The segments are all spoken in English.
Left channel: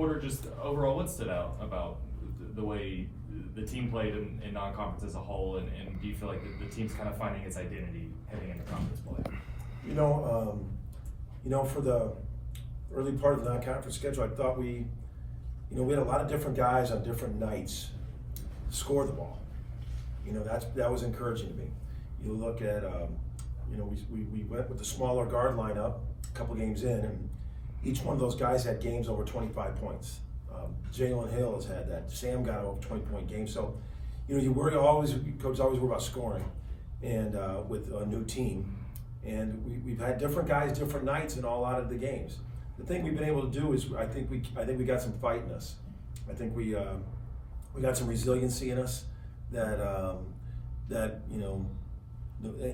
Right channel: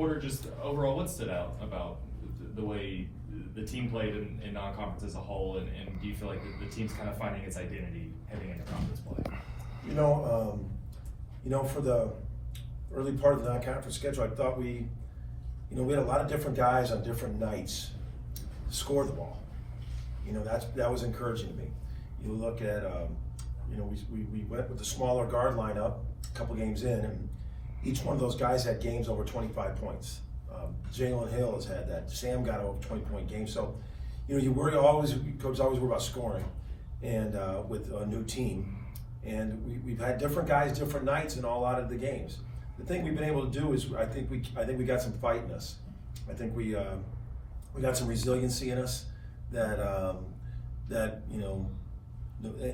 Porter, just overall, what stood out about the way the team played in non-conference as a whole, and do you feel like the team's kind of finding its identity heading into conference play? For the early part of the non-conference schedule, I thought we had a lot of different guys on different nights score the ball. That was encouraging to me. You look at, we went with the smaller guard lineup a couple games in, and each one of those guys had games over 25 points. Jalon Hill has had that. Sam got over 20-point games. So, you worry always, coaches always worry about scoring, and with a new team. And we've had different guys, different nights in a lot of the games. The thing we've been able to do is I think we got some fight in us. I think we got some resiliency in us that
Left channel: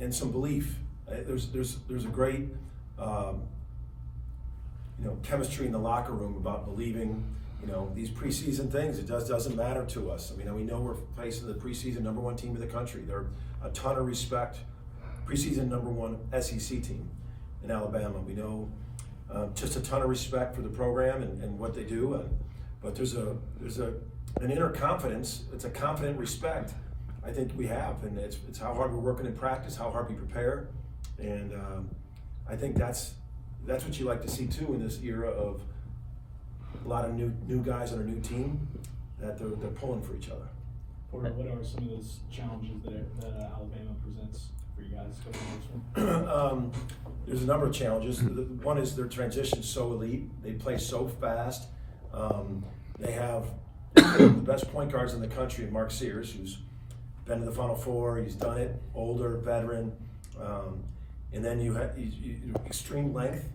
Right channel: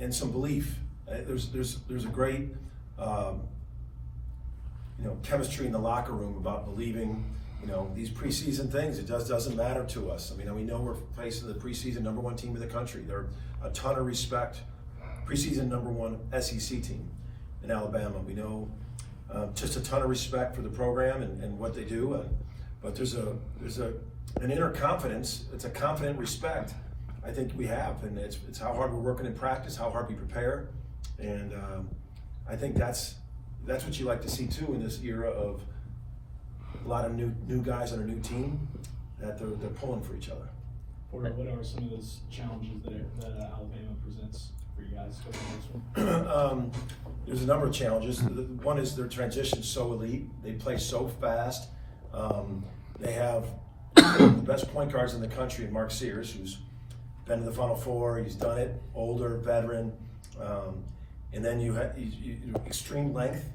and some belief. There's a great chemistry in the locker room about believing these preseason things. It doesn't matter to us. I mean, we know we're facing the preseason #1 team in the country. They're a ton of respect. Preseason #1 SEC team in Alabama. We know just a ton of respect for the program and what they do. But there's an inner confidence. It's a confident respect I think we have, and it's how hard we're working in practice, how hard we prepare, and I think that's what you like to see too in this era of a lot of new guys on a new team, that they're pulling for each other. Porter, what are some of those challenges that Alabama presents for you guys? There's a number of challenges. One is their transition so elite. They play so fast. They have the best point guards in the country, Mark Sears, who's been to the Final Four. He's done it, older, veteran. And then you have extreme length.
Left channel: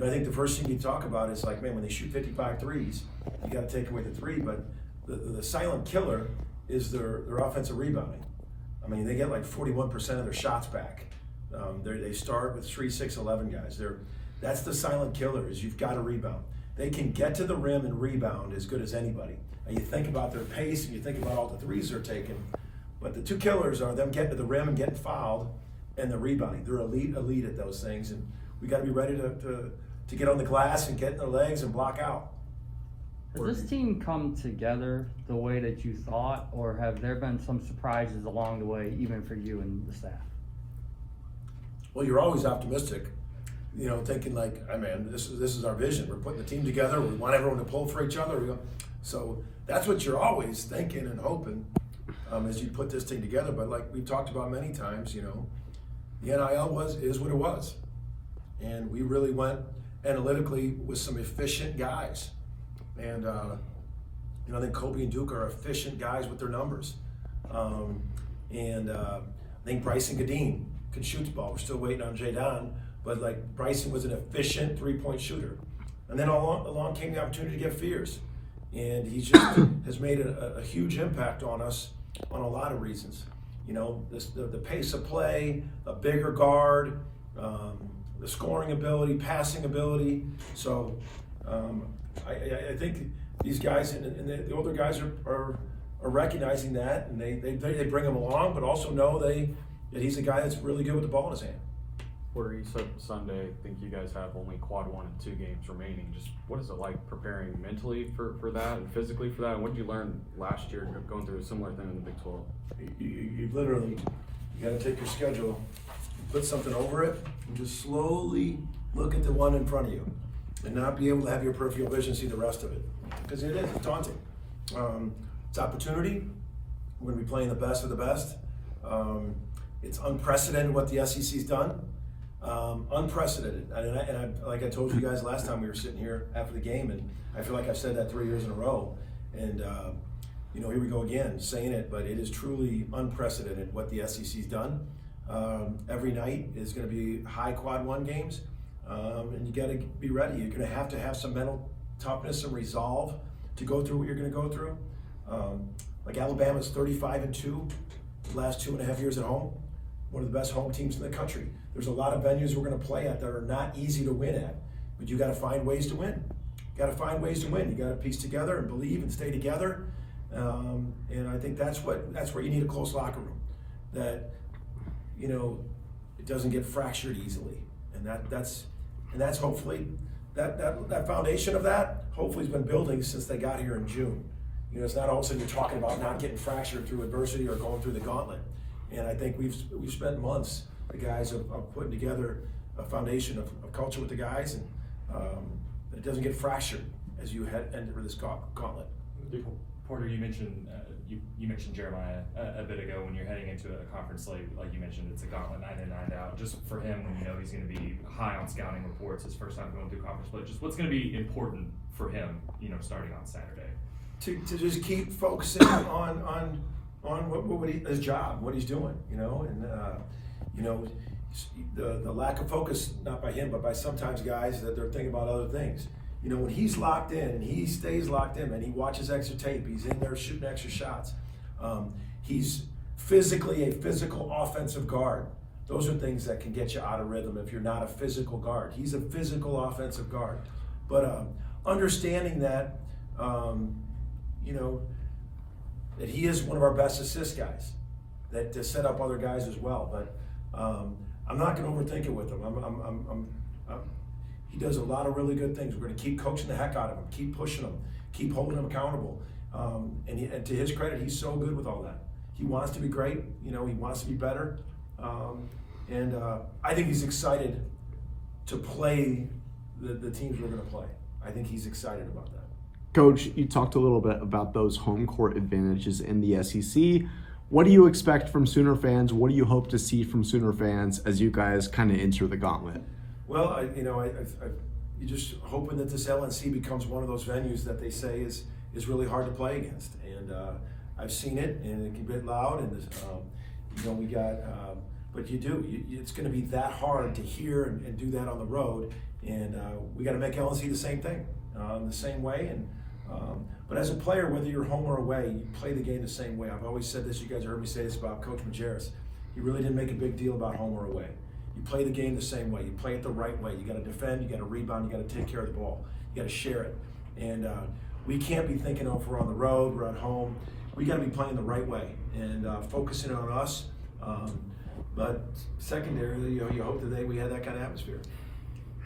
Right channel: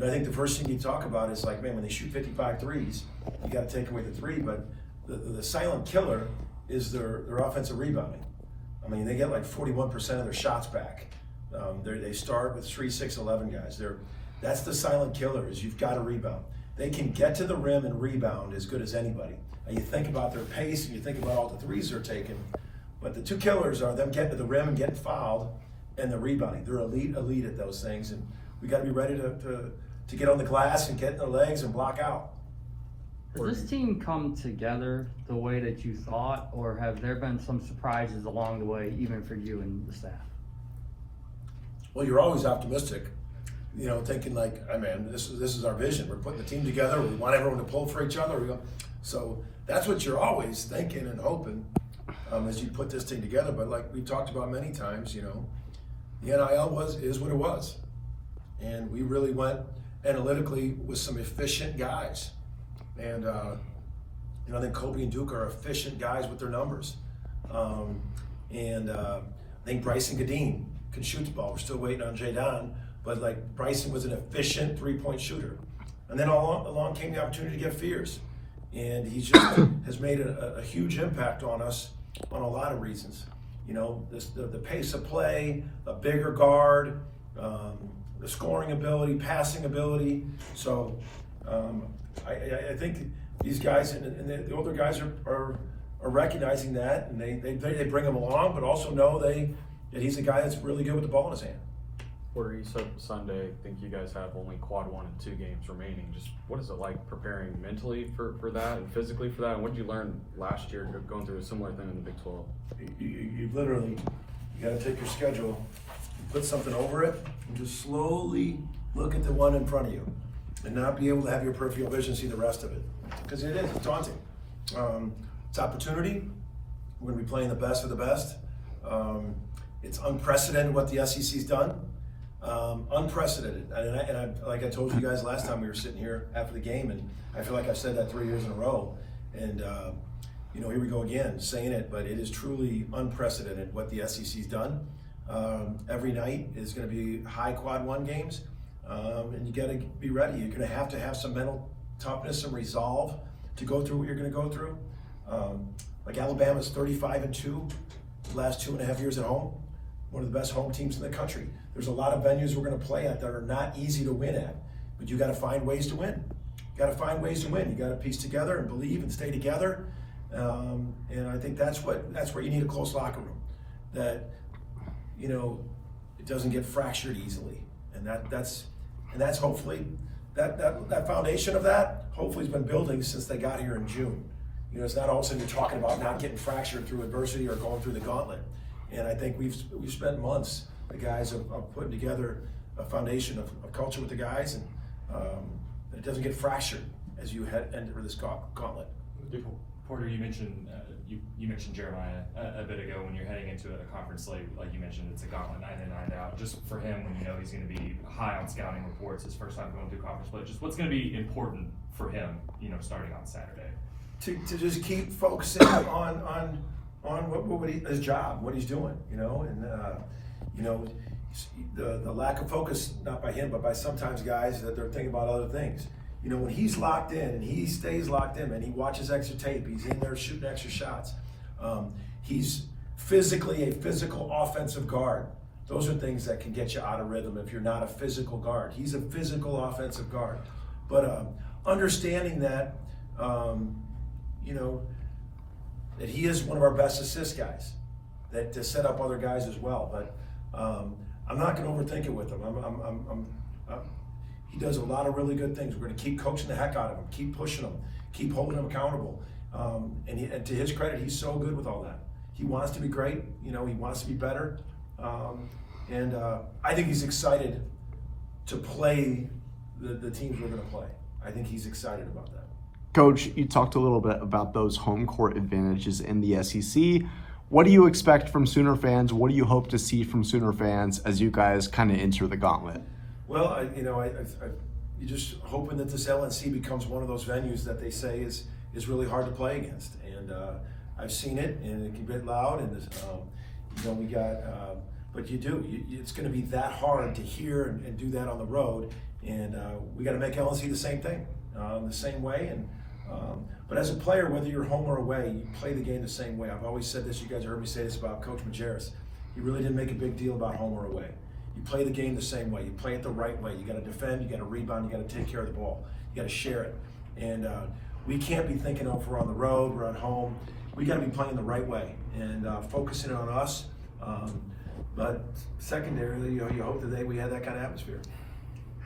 I think the first thing you talk about is like, man, when they shoot 55 threes, you got to take away the three. But the silent killer is their offensive rebounding. I mean, they get like 41% of their shots back. They start with 3, 6, 11 guys. That's the silent killer, is you've got to rebound. They can get to the rim and rebound as good as anybody. And you think about their pace, and you think about all the threes they're taking. But the two killers are them getting to the rim and getting fouled, and the rebounding. They're elite at those things. And we got to be ready to get on the glass and get in their legs and block out. Has this team come together the way that you thought, or have there been some surprises along the way, even for you and the staff? Well, you're always optimistic, thinking like, I mean, this is our vision. We're putting the team together. We want everyone to pull for each other. So that's what you're always thinking and hoping as you put this thing together. But like we've talked about many times, the NIL is what it was, and we really went analytically with some efficient guys. And I think Kobe and Duke are efficient guys with their numbers. I think Bryson Godin can shoot the ball. We're still waiting on Jalon, but like Bryson was an efficient three-point shooter. And then along came the opportunity to get Fears, and he just has made a huge impact on us on a lot of reasons. The pace of play, a bigger guard, the scoring ability, passing ability. So I think these guys and the older guys are recognizing that, and they bring him along, but also know that he's a guy that's really good with the ball in his hand. Porter, you said Sunday, I think you guys have only quad 1 and 2 games remaining. Just what is it like preparing mentally for that and physically for that? And what did you learn last year going through a similar thing in the Big 12? You literally, you got to take your schedule, put something over it, and just slowly look at the one in front of you, and not be able to have your peripheral vision see the rest of it, because it's daunting. It's opportunity. We're going to be playing the best of the best. It's unprecedented what the SEC's done. Unprecedented. Like I told you guys last time we were sitting here after the game, and I feel like I've said that 3 years in a row. And here we go again saying it, but it is truly unprecedented what the SEC's done. Every night is going to be high quad 1 games, and you got to be ready. You're going to have some mental toughness and resolve to go through what you're going to go through. Like Alabama's 35-2, the last 2.5 years at home, one of the best home teams in the country. There's a lot of venues we're going to play at that are not easy to win at, but you got to find ways to win. You got to find ways to win. You got to piece together and believe and stay together. And I think that's where you need a close locker room, that it doesn't get fractured easily, and that's hopefully that foundation of that hopefully has been building since they got here in June. You know, it's not all of a sudden you're talking about not getting fractured through adversity or going through the gauntlet. And I think we've spent months, the guys of putting together a foundation of culture with the guys, and it doesn't get fractured as you enter this gauntlet. Porter, you mentioned you mentioned Jeremiah a bit ago when you're heading into a conference like you mentioned, it's a gauntlet 9 in, 9 out. Just for him, when you know he's going to be high on scouting reports, his first time going through conference play, just what's going to be important for him, you know, starting on Saturday? To just keep focusing on what his job, what he's doing, you know, and you know, the lack of focus, not by him, but by sometimes guys that they're thinking about other things. You know, when he's locked in and he stays locked in and he watches extra tape, he's in there shooting extra shots. He's physically a physical offensive guard. Those are things that can get you out of rhythm if you're not a physical guard. He's a physical offensive guard. But understanding that, you know, that he is one of our best assist guys, that to set up other guys as well. But I'm not going to overthink it with him. He does a lot of really good things. We're going to keep coaching the heck out of him, keep pushing him, keep holding him accountable. And to his credit, he's so good with all that. He wants to be great. You know, he wants to be better. And I think he's excited to play the teams we're going to play. I think he's excited about that. Coach, you talked a little bit about those home court advantages in the SEC. What do you expect from Sooner fans? What do you hope to see from Sooner fans as you guys kind of enter the gauntlet? Well, you're just hoping that this LNC becomes one of those venues that they say is really hard to play against. And I've seen it, and it can get loud, and you know, we got, but it's going to be that hard to hear and do that on the road. And we got to make LNC the same thing, the same way. And but as a player, whether you're home or away, you play the game the same way. I've always said this. You guys heard me say this about Coach Majerus. He really didn't make a big deal about home or away. You play the game the same way. You play it the right way. You got to defend. You got to rebound. You got to take care of the ball. You got to share it. And we can't be thinking, oh, if we're on the road, we're at home. We got to be playing the right way and focusing on us. But secondarily, you know, you hope that we have that kind of atmosphere.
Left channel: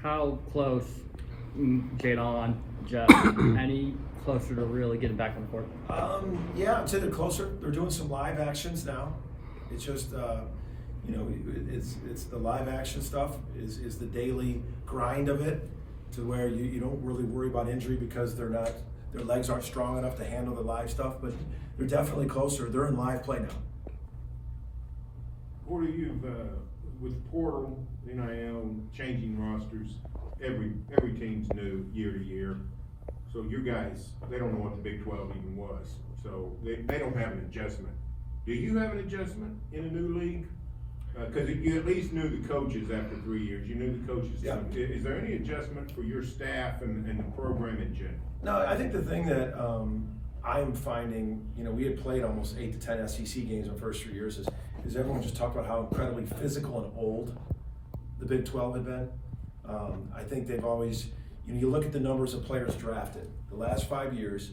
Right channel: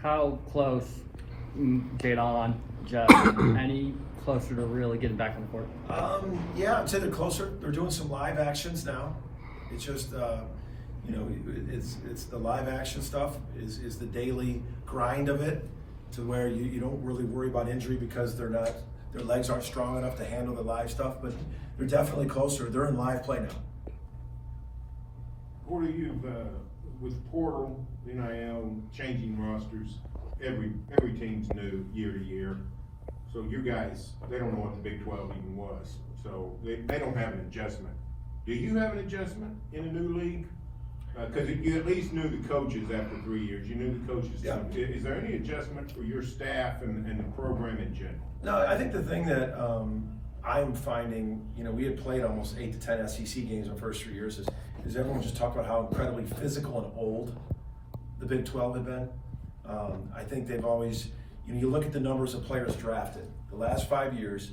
How close, Jalon, Jeff, any closer to really getting back on the court? Yeah, I'd say they're closer. They're doing some live actions now. It's just, you know, it's the live action stuff is the daily grind of it, to where you don't really worry about injury because their legs aren't strong enough to handle the live stuff, but they're definitely closer. They're in live play now. Porter, with portal, NIL, changing rosters, every team's new year to year. So you guys, they don't know what the Big 12 even was. So they don't have an adjustment. Do you have an adjustment in a new league? Because you at least knew the coaches after 3 years. You knew the coaches. Yeah. Is there any adjustment for your staff and the program in general? No, I think the thing that I'm finding, you know, we had played almost 8 to 10 SEC games in the first 3 years, is everyone just talked about how incredibly physical and old the Big 12 had been. I think they've always, you know, you look at the numbers of players drafted. The last 5 years,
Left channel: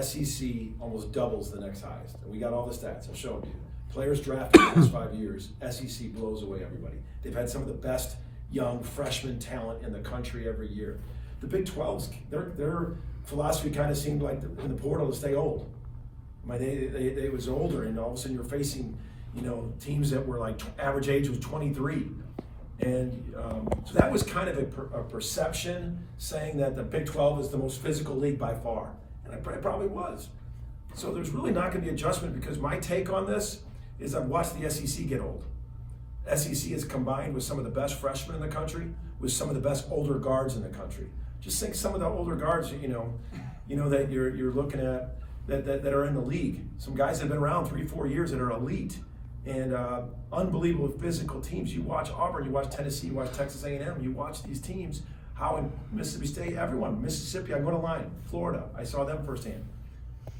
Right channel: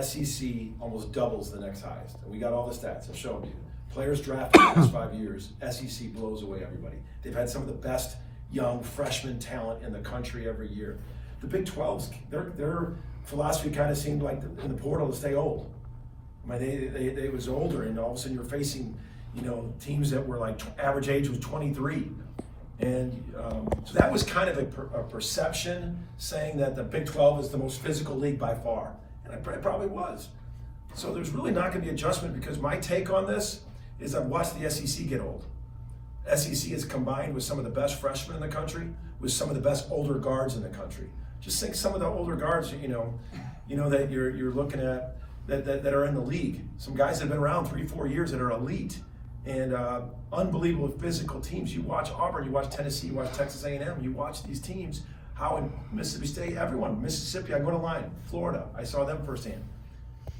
SEC almost doubles the next highest. And we got all the stats that showed you. Players drafted in the last 5 years, SEC blows away everybody. They've had some of the best young freshman talent in the country every year. The Big 12's, their philosophy kind of seemed like the portal to stay old. I mean, they was older, and all of a sudden you're facing, you know, teams that were like average age was 23. And so that was kind of a perception, saying that the Big 12 is the most physical league by far. And it probably was. So there's really not going to be adjustment, because my take on this is I've watched the SEC get old. SEC is combined with some of the best freshmen in the country, with some of the best older guards in the country. Just think some of the older guards, you know that you're looking at that are in the league. Some guys that have been around 3-4 years that are elite and unbelievable physical teams. You watch Auburn, you watch Tennessee, you watch Texas A&M, you watch these teams. How in Mississippi State, everyone, Mississippi, I go to line, Florida, I saw them firsthand.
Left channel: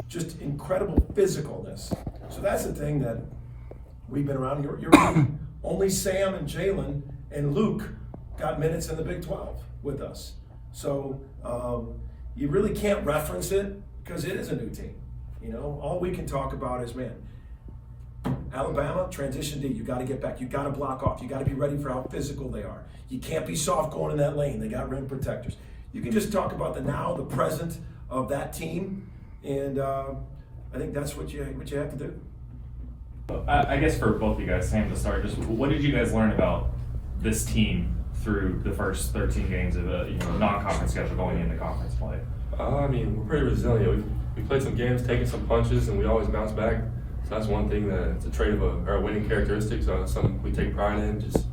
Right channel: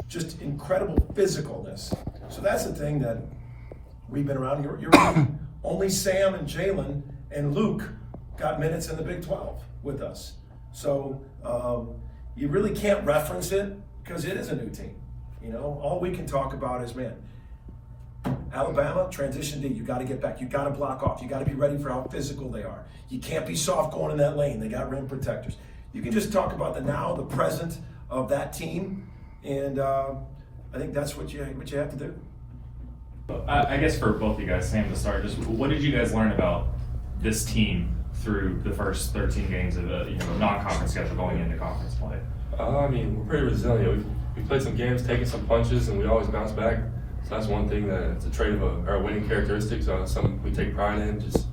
Just incredible physicalness. So that's the thing that we've been around. You're right. Only Sam and Jalon and Luke got minutes in the Big 12 with us. So you really can't reference it because it is a new team. You know, all we can talk about is, man, Alabama, transition D, you got to get back. You got to block off. You got to be ready for how physical they are. You can't be soft going in that lane. They got rim protectors. you can just talk about the now, the present of that team, and I think that's what you have to do. I guess for both of you guys, Sam, to start, just what did you guys learn about this team through the first 13 games of a non-conference schedule going into conference play? I mean, we're pretty resilient. We played some games, taking some punches, and we always bounce back. So that's one thing that it's a trait of our winning characteristics. Something we take pride in. Just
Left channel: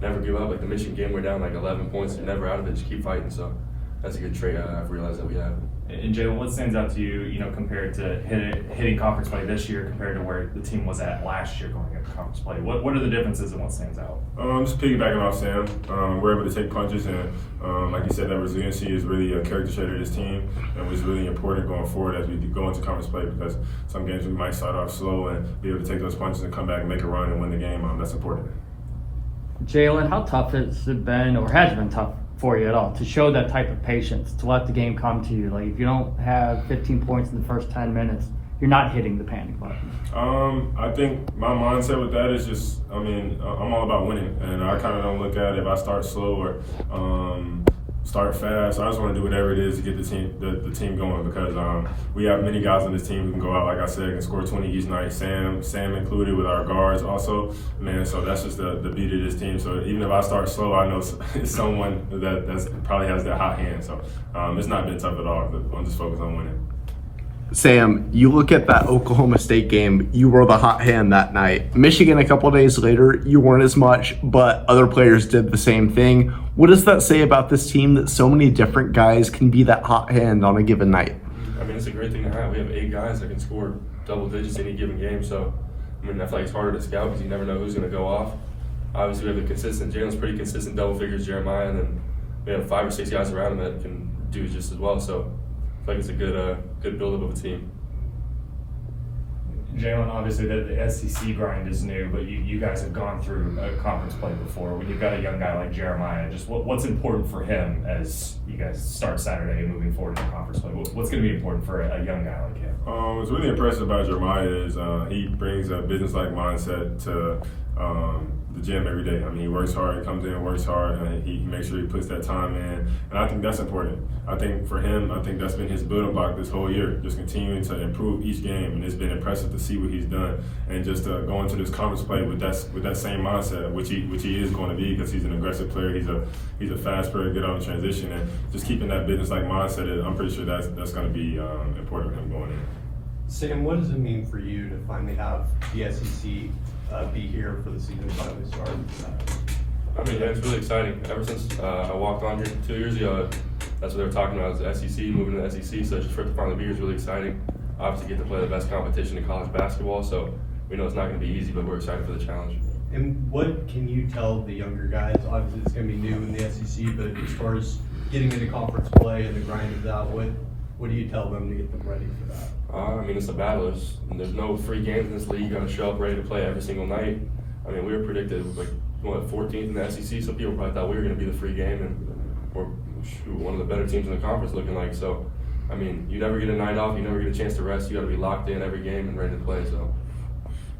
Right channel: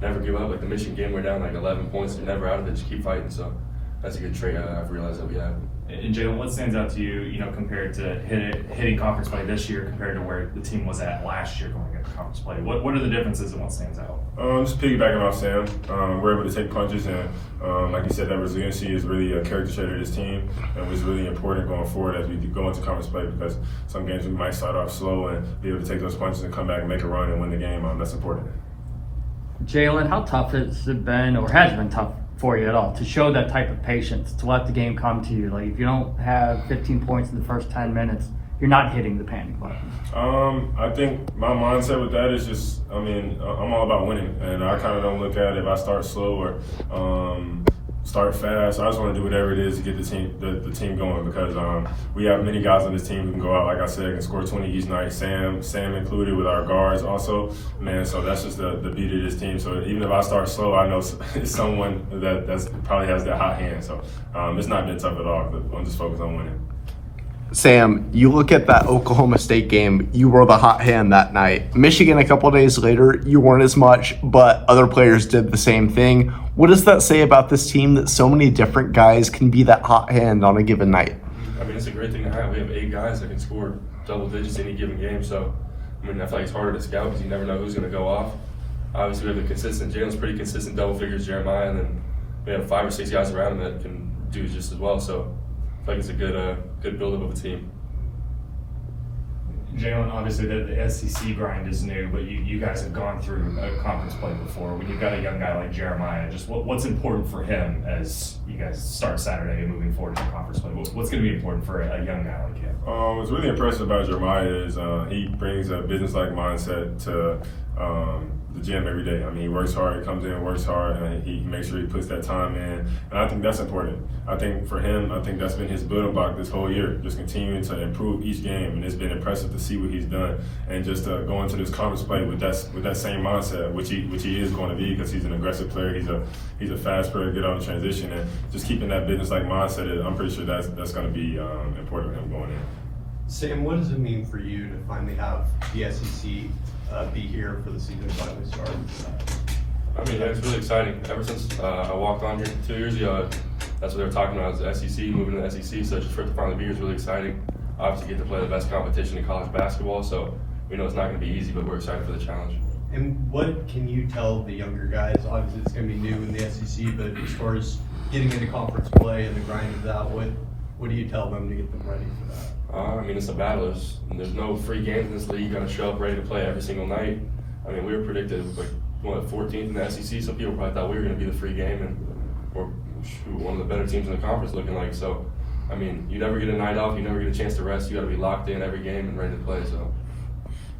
never give up. Like the Michigan game, we're down like 11 points. You're never out of it. Just keep fighting. So that's a good trait I've realized that we have. And Jalon, what stands out to you, compared to hitting conference play this year compared to where the team was at last year going into conference play? What are the differences and what stands out? Just piggybacking off Sam, we're able to take punches, and like you said, that resiliency is really a character trait of this team, and was really important going forward as we go into conference play, because some games we might start off slow and be able to take those punches and come back and make a run and win the game. That's important. Jalon, how tough has it been, or has it been tough for you at all, to show that type of patience, to let the game come to you? Like, if you don't have 15 points in the first 10 minutes, you're not hitting the panic button. I think my mindset with that is just, I'm all about winning, and I kind of don't look at it if I start slow or start fast. I just want to do whatever it is to get the team going, because we have many guys on this team who can go out, like I said, and score 20 each night. Sam included with our guards also, man. So that's just the beauty of this team. So even if I start slow, I know it's someone that's probably has that hot hand. So it's not been tough at all. But I'm just focused on winning. Sam, you look at that Oklahoma State game, you were the hot hand that night. Michigan, a couple of days later, you weren't as much, but other players did the same thing. What does that say about this team, that so many different guys can be that hot hand on a given night? I mean, it's a great thing to have. We have 8 guys that can score double digits any given game. So, I feel like it's harder to scout because you never know who's going to go off. Obviously, we have the consistent, Jalon's pretty consistent double figures, Jeremiah, and then we have 5 or 6 guys around him that can do just as well. So, I feel like it's a good build-up of a team. Jalon, obviously the SEC grind is new, but you guys have gone through a conference play before. When you've got a young guy like Jeremiah, just what's important for him as you guys start Saturday and moving forward to conference play? What's going to be important for a young guy like him? What's really impressive about Jeremiah is he brings a business-like mindset to the gym every day. He works hard, he comes in and works hard, and he makes sure he puts that time in. And I think that's important. I think for him, that's been his building block this whole year, just continuing to improve each game. And it's been impressive to see what he's done, and just going to this conference play with that same mindset, which he is going to be, because he's an aggressive player. He's a fast player, good on the transition, and just keeping that business-like mindset. I'm pretty sure that's going to be important for him going in. Sam, what does it mean for you to finally have the SEC be here for the season finally starting? It's really exciting. Ever since I walked on here 2 years ago, that's what they were talking about, is the SEC, moving to the SEC. So just for it to finally be here is really exciting. Obviously, get to play the best competition in college basketball. So we know it's not going to be easy, but we're excited for the challenge. And what can you tell the younger guys? Obviously, it's going to be new in the SEC, but as far as getting into conference play and the grind of that, what do you tell them to get them ready for that? It's a battle. There's no free games in this league. You got to show up ready to play every single night. We were predicted 14th in the SEC, so people probably thought we were going to be the free game, and we're one of the better teams in the conference looking like. So, you never get a night off. You never get a chance to rest. You got to be locked in every game and ready to play. So.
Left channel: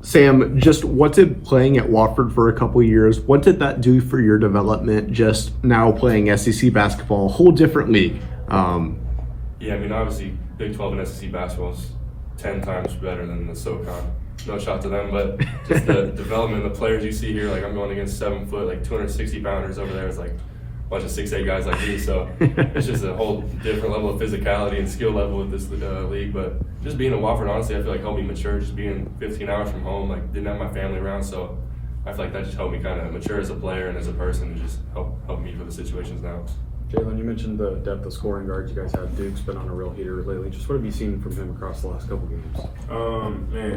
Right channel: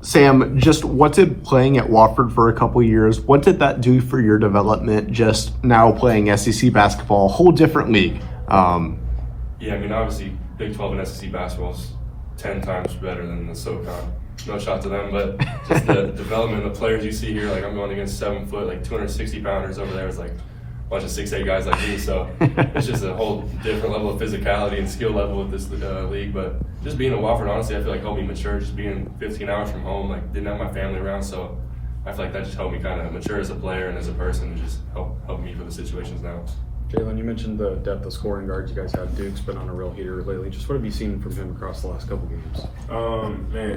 Sam, just what did playing at Wofford for a couple years, what did that do for your development, just now playing SEC basketball, a whole different league? Obviously, Big 12 and SEC basketball is 10 times better than the SoCon. No shot to them, but just the development of the players you see here, I'm going against 7 foot, 260 pounders over there. It's a bunch of 6'8" guys like me, so it's just a whole different level of physicality and skill level with this league. But just being in Wofford, honestly, I feel like helped me mature. Just being 15 hours from home, didn't have my family around, so I feel like that just helped me kind of mature as a player and as a person, and just help me for the situations now. Jalon, you mentioned the depth of scoring guards you guys have. Duke's been on a real heater lately. Just what have you seen from him across the last couple games?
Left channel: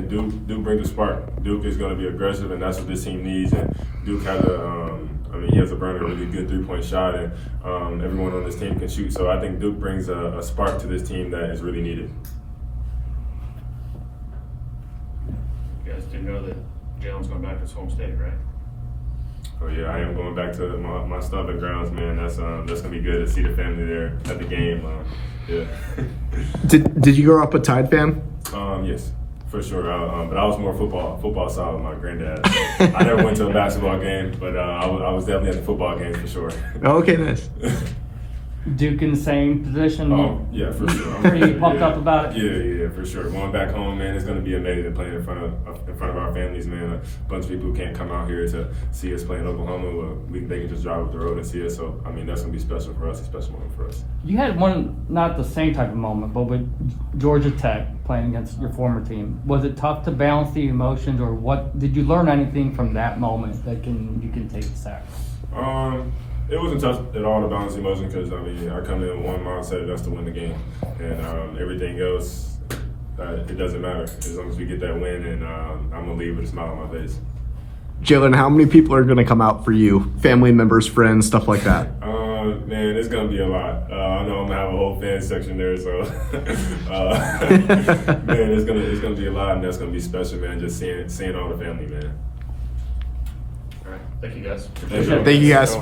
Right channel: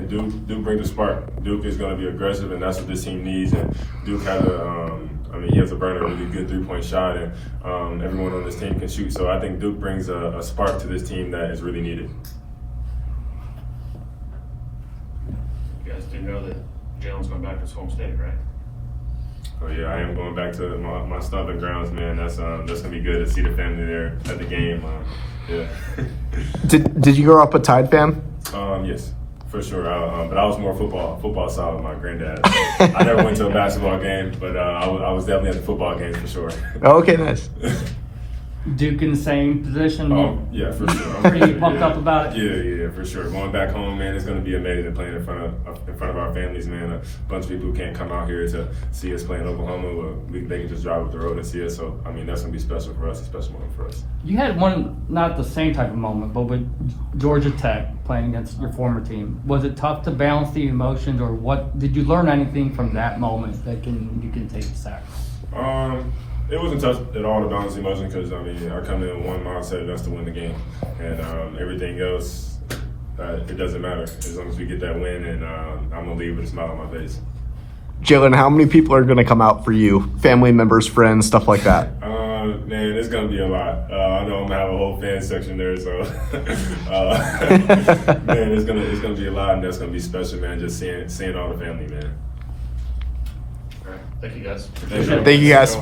Duke brings the spark. Duke is going to be aggressive, and that's what this team needs. And Duke has he has a really good 3-point shot, and everyone on this team can shoot. So I think Duke brings a spark to this team that is really needed. You guys do know that Jalon's going back to his home state, right? Oh yeah, I am going back to my stomping grounds, man. That's gonna be good to see the family there at the game. Yeah. Did you grow up a Tide fan? Yes, for sure. But I was more football side with my granddad. I never went to a basketball game, but I was definitely at the football game for sure. Okay, nice. Duke in the same position? Oh, yeah, for sure. Pretty pumped up about it? Yeah, for sure. Going back home, man, it's gonna be amazing playing in front of our families, man. A bunch of people who can't come out here to see us play in Oklahoma. They can just drive up the road and see us. So, I mean, that's gonna be special for us, a special moment for us. You had one, not the same type of moment, but with Georgia Tech playing against your former team. Was it tough to balance the emotions, or what? Did you learn anything from that moment that you can take to Saturday? It wasn't tough at all to balance the emotion because, I mean, I come in with one mindset, that's to win the game. And everything else, it doesn't matter as long as we get that win, and I'm going to leave with a smile on my face. Jalen, how many people are going to come out for you? Family members, friends, stuff like that? Man, it's going to be a lot. I know I'm going to have a whole fan section there, so man, it's gonna be a lot, and that's going to be special, man, just seeing all the family, man. All right, thank you guys. Thank you, guys.